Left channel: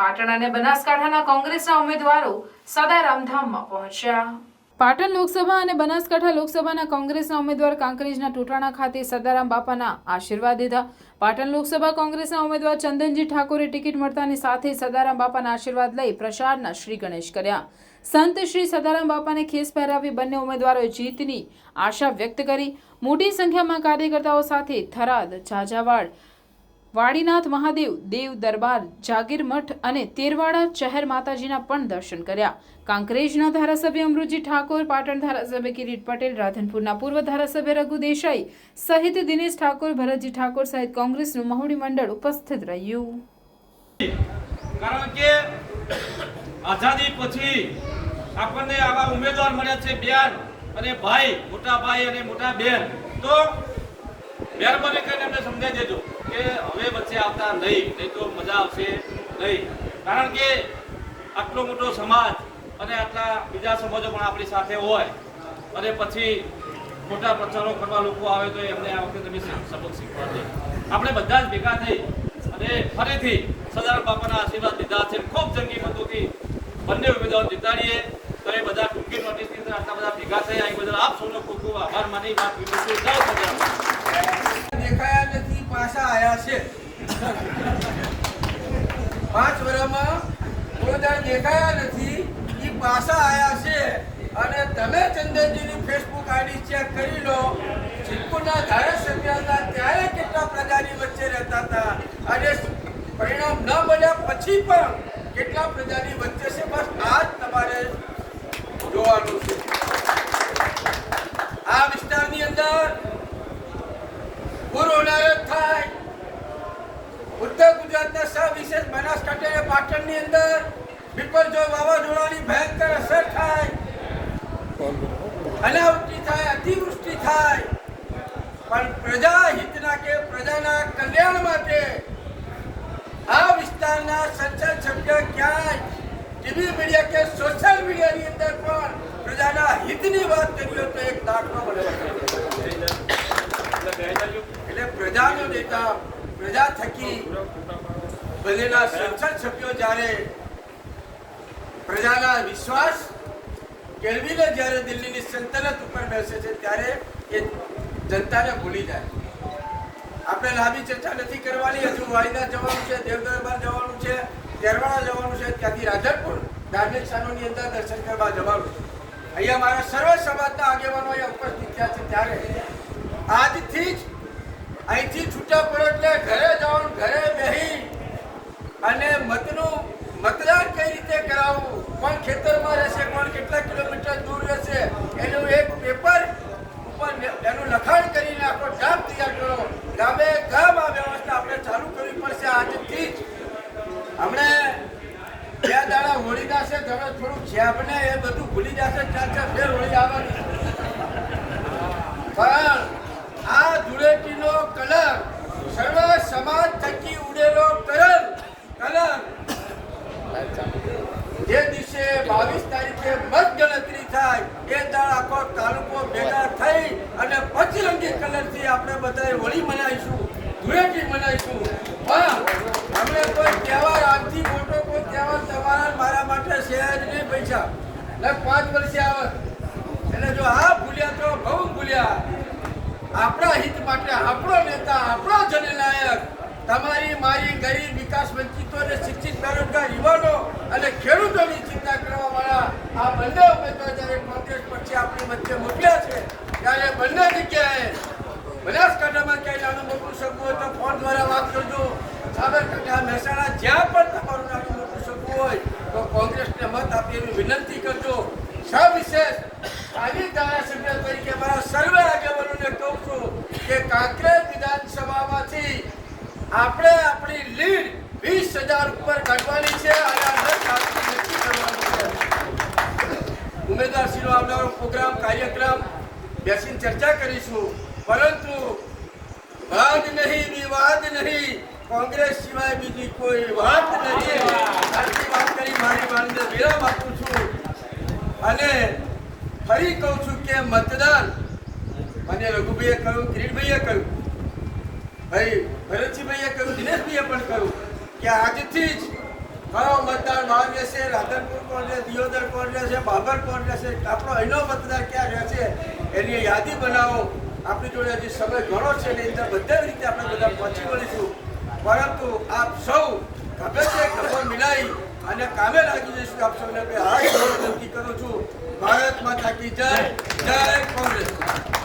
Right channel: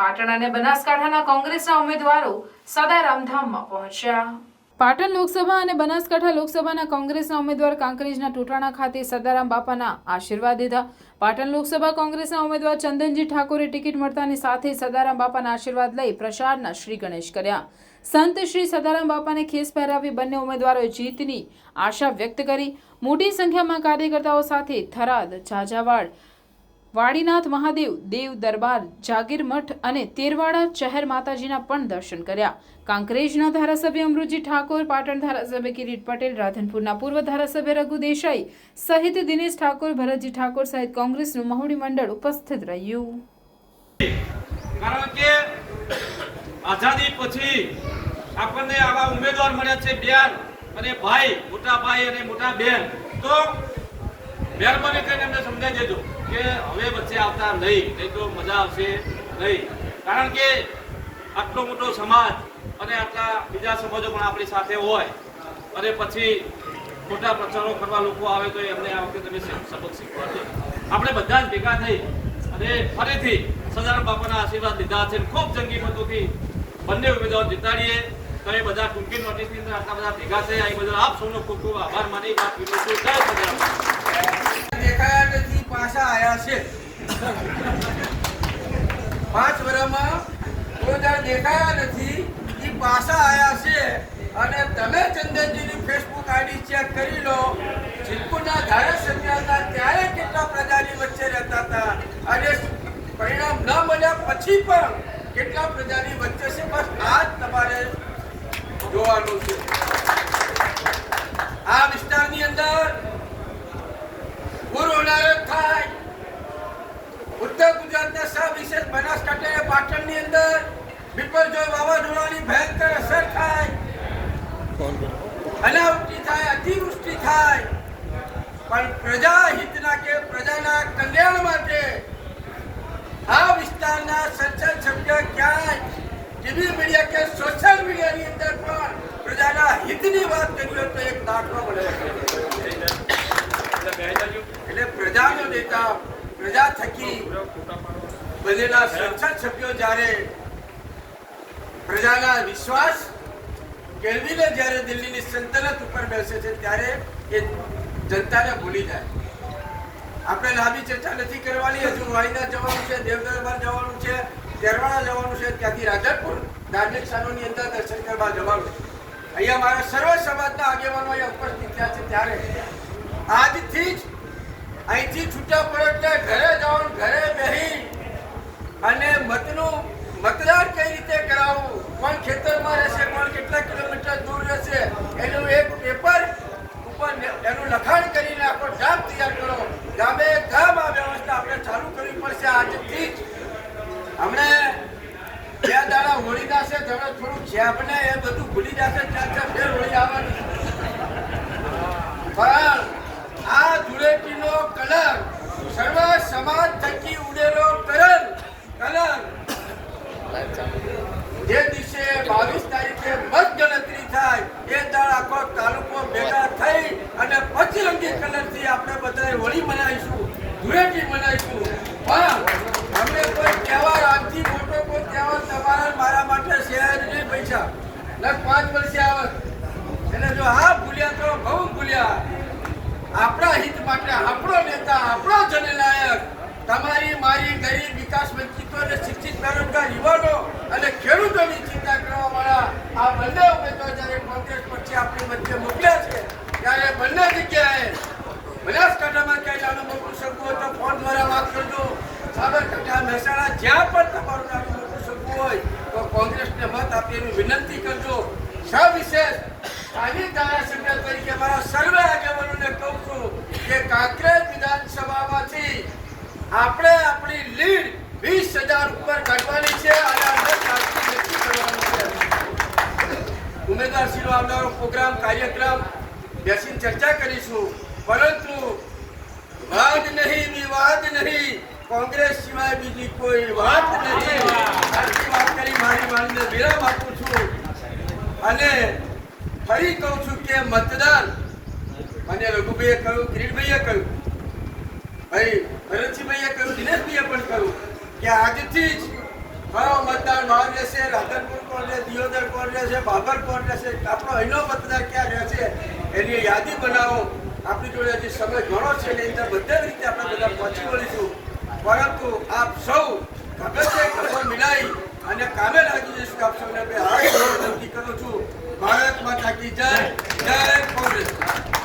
પાટણ અને બનાસકાંઠાના કોંગ્રેસના ઉમેદવારો સદારામ ધામમાં પહોંચ્યા. પાટણ લોકસભા અને બનાસકાંઠા લોકસભાના કોંગ્રેસના ઉમેદવાર કાંકરેજના ટોટાણા ખાતે સદારામ બાપાના આશીર્વાદ લીધા. પાટણ લોકસભા કોંગ્રેસના ઉમેદવાર ચંદનજી ઠાકોરે ટિકિટ મળતાની સાથે સદારામ બાપાના આશીર્વાદ લઈ પ્રચારના શ્રી ગણેશ કર્યા. સંત શ્રી સદારામ બાપાને ખેસ પહેરાવી બંને ઉમેદવારોએ જીતની આશા વ્યક્ત કરી. મોટી સંખ્યામાં કાર્યકર્તાઓ સાથે થરાદ, ઝાઝાવાડ વાડીનાથ મહાદેવ, દેવ દરબાર, જાગીર મઠ અને તેરવાડા ચહેર માતાજીના પણ દર્શન કર્યા. કાંકરેજના ધારાસભ્ય અમૃતજી ઠાકોર, પાટણ ધારાસભ્ય કિરીટ પટેલ, રાધનપુરના પૂર્વ ધારાસભ્ય રઘુ દેસાઈ સહિત દિનેશ ઠાકોર, ભરતજી ઠાકોર સહિત કોંગ્રેસનું મહુડી મંડળ ઉપસ્થિત રહ્યું. કારણ કે આઝાદી પછી આપણને આવા ઉમેદવાર મળ્યા છે, બેન અને ભાઈ, મોટા ભાઈ અને મોટા બેન. તો મહેરબાની કરીને એમને સમજાવી દેજો કે હવે વચ્ચે આવતા નહીં નહીં તો મજા આવશે નહીં. કારણ કે આટલો મોટો સમાજ અને આટલા બીજા સમાજો પણ આપણી સાથે હોય અને પછી ખોટા પ્રચારો કરવા લોકો આવે તો એમને આ વખતે તમે સબક શીખવા દે. આપણે બધા જ ભેગા થઈ અને ફરીથી સદારામ બાપાના આશીર્વાદ લીધા છે. ખૂબ જંગી મતોથી બંને ઉમેદવાર જીતાડીએ. તમે બધા ટૂંકી નોટિસની અંદર બધા ભેગા થયા, એ બદલ આપ સૌનો ખૂબ ખૂબ આભાર. આ દેખાયા નથી, પાછા આયા છે. પાંચ વર્ષમાં કોઈ દેખાયા નથી ઈ પાછા આયા છે. અને તમે ચંદનજીની ફેસબુક આઈડી ચેક કરી લો. સિદ્ધપુરના ધારાસભ્ય હતા ત્યારે કેટલા પ્રજાની વચ્ચે રહેતા હતા? અને પરિણામ ન મળ્યા પછી પણ કેટલા પ્રજાની વચ્ચે છે? બસ આ જ તમારે જોવાનું છે. આ વિસ્તારની અંદર પૂર હોનારત થાય. ઉત્તર ગુજરાતના સહ વિશેષ બનાસકાંઠા પાટણની અંદર વિપરજોય વાવાઝોડાની ભયંકર અસર થાય. અનાવૃષ્ટિ થાય, અતિવૃષ્ટિ થાય. પણ પ્રજા હિતના કે પ્રજાના કલ્યાણ માટે આ વિસ્તારના સચ્ચા શબ્દ ક્યાંય ટીવી મીડિયા કે સોશિયલ મીડિયાની અંદર પણ પ્રજાના હિતની વાત કરી હોય તો એક દાખલો મને એટલે પ્રજાનો નેતા, પ્રજા થકી બનેલા સંસદ સભ્યો જ્યારે પ્રજાના વિશ્વાસ કેળવીને જ્યારે દિલ્હીની સંતલત ઉપર બેસે છે ત્યારે એ જનતાને ભૂલી જાય. આપણે લાંબી ચર્ચા નથી કરવાની, હજુ વાડીના જવાનું છે દેવદરબાર જવાનું છે કેરવાડા જવાનું છે ત્યાંથી રાધનપુર ધાર્મિક સ્થાનોની અંદર દર્શન કરવા જવાનું છે. અહીંયા મારા સર્વ સમાજના આગેવાનો અહીંયા ઉપસ્થિત થયા છે ત્યારે. આજથી જ અહીંથી છૂટા પડો એટલે ઘરે જવાનું ઘરે બેહી અને મતનું મતદાન કઈ રીતે કરાવવું કોણ ખેતરમાં રહેશે, કોણ કેટલા કિલોમીટર દૂર રહેશે? એનું એક પેપર ઉપર એનું લખાણ કરીને આપણો ગામ તૈયાર કરો. ગામે ગામ આ વ્યવસ્થા આપણે ચાલુ કરવી પડશે. આજથી જ હમણે બે દાડા હોળી દાસે તમે થોડું છેપને એ બધું ભૂલી જશે ચાર ચાર ફેર હોળી આવવાની. પણ આ ધૂળેટીનો કલર સર્વ સમાજ થકી ઉડેલો કલર કલર. જે દિવસે બાવીસ તારીખે મત ગણતરી થાય, એ દાળ આખો તાલુકો ભેગા થઈ અને પચરંગી કલરથી આપણે બધાએ હોળી મનાવીશું ધૂળેટી મનાવીશું પણ અમને કોઈ તહેવાર આજથી મોટો કોઈ તહેવાર તમારા મારા માટે છે જ નહીં પૈસા ન પાંચ વર્ષે આવે એટલે જો હા ભૂલ્યા તો બહુ આપણા હિત માટે આપણો નેતા, આપણો જનનાયક, તમારી, મારી ગરીબ વિકાસ વંચિતો અને શિક્ષિત બેરોજગાર યુવાનો અને ખેડૂતોની ચિંતા કરવા વાળા આ બંને ઉમેદવાર જ્યારે કોંગ્રેસ પક્ષે આપણી વચ્ચે મોકલ્યા છે, ત્યારે બંને જગ્યાએ બનાસકાંઠામાં ક્યાંય નાનું મોટું શકવું હોય તો ફોન દ્વારા વાત કરજો. સાબરકાંઠા મહેસાણા જ્યાં પણ તમારું નાનું મોટું શકવું હોય તો કોંગ્રેસને મત આપીને વિનંતી કરજો. સવિશેષ સ્થાનિક ધારાસભ્ય તરીકે મારા સર્વે આગેવાનોને કહું છું કે કાંકરેજ વિધાનસભામાંથી આપણે આપણી લીડ વીસ હજાર ઉપર કાઢવાની છે અને અંદર શાંતિ નક્કી કરવાની છે. ઉમેદવારશ્રીનો આવનારો પ્રોગ્રામ, કાર્યક્રમ બેસીને ચર્ચા કરીશું. પરંતુ વાદ નહીં, વિવાદ નહીં. કોંગ્રેસ સિવાય બીજી કોઈ વાત નથી. આટલી વાત કરી મારી માનને વિરામ આપું છું. અને ફરી કહું છું કે મતદાન. મને રઘુભાઈએ કહ્યું, કિરીટભાઈએ કહ્યું. ભાઈ, ભરતસિંહભાઈએ કહ્યું, દિનેશભાઈએ પણ કહ્યું કે આજથી જ મારો મતદાર માળ રહેશે રાધનપુર કોણ રહેશે દિયોદર કોણ રહેશે બાબર કોણ રહેશે આપણો અહીંનો મતદાર ક્યાં રહેશે એની યાદી બનાવો. આપણી જોડે હજી સમય ઘણો છે એટલે બધા રીતે આપણે બધા પહોંચી વળીશું. પરંતુ આપ સૌ ખબર ખબર અને કામે લાગી જઈશું કરું છું. ભારત માતા કી જય જય કોંગ્રેસ.